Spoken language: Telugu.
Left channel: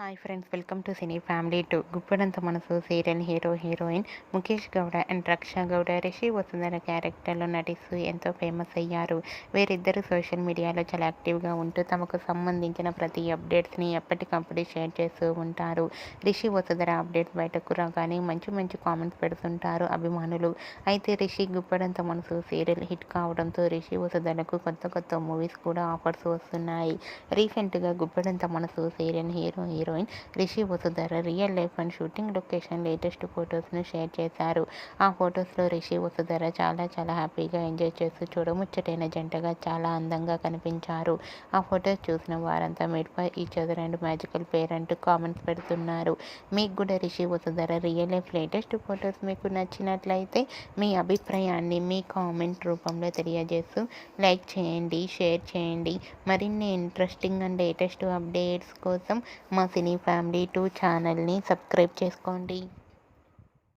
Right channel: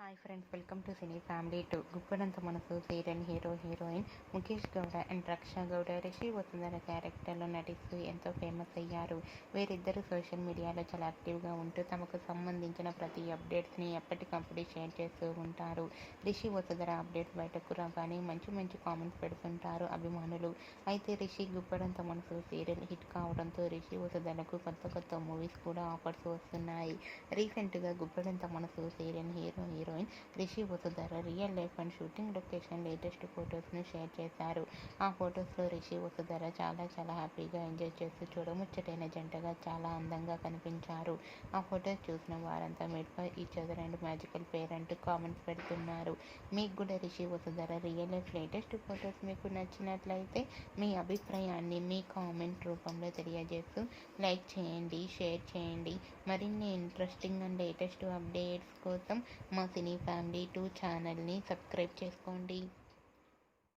Hi friends, welcome to cine family 2. Guppedantha Manasu serial hero heroine Mukesh Gowda and Raksha Gowda Rishi Vasundhara క్యారెక్టర్లో నటిస్తూ ఎంతో ఫేమస్ అయ్యారు. వీరిద్దరూ సోషల్ మీడియాలో చాలా యాక్టివ్గా ఉంటూ తమకు సంబంధించిన ప్రతి అప్డేట్స్ని ఎప్పటికప్పుడు షేర్ చేస్తూ ఉంటారు. రిషి వసుంధర అప్డేట్ బయటకు రాగానే మంచి మంచి కామెంట్స్ పెడుతుంటారు అభిమానులు. అయితే రిషి గుప్పడంత మనసు సీరియల్ హిట్ కావడంతో రిషి వసుంధరకు కొత్త కొత్త మూవీస్ కూడా ఆఫర్స్ వస్తున్నాయి. రీసెంట్గా Guppedantha Manasu serial heroine Rishi Vasundhara real life and shooting location latest ఫొటోస్ను షేర్ చేశారు. ఆ ఫొటోస్లో రిషి వసుంధర చాలా హ్యాపీగా ఎంజాయ్ చేస్తూ చూడముచ్చటైన జంటగా చాలా అందంగా కనిపించారు. ఆ ఫొటోస్ చూసిన వారంతా made for each other and magical pair అంటూ కామెంట్స్ పెడుతున్నారు. మీకు కూడా Rishi Vasundhara real life latest photos మీకు నచ్చినట్లయితే మీ అభిప్రాయాన్ని మీ కామెంట్ రూపంలో తెలియజేస్తూ లైక్ చేయండి, షేర్ చేయండి. మరిన్ని ఇంట్రెస్టింగ్ అండ్ లేటెస్ట్ అప్డేట్స్ కోసం మా సినీ ఫ్యామిలీ 2 ఛానల్ని సబ్స్క్రైబ్ చేసుకోండి.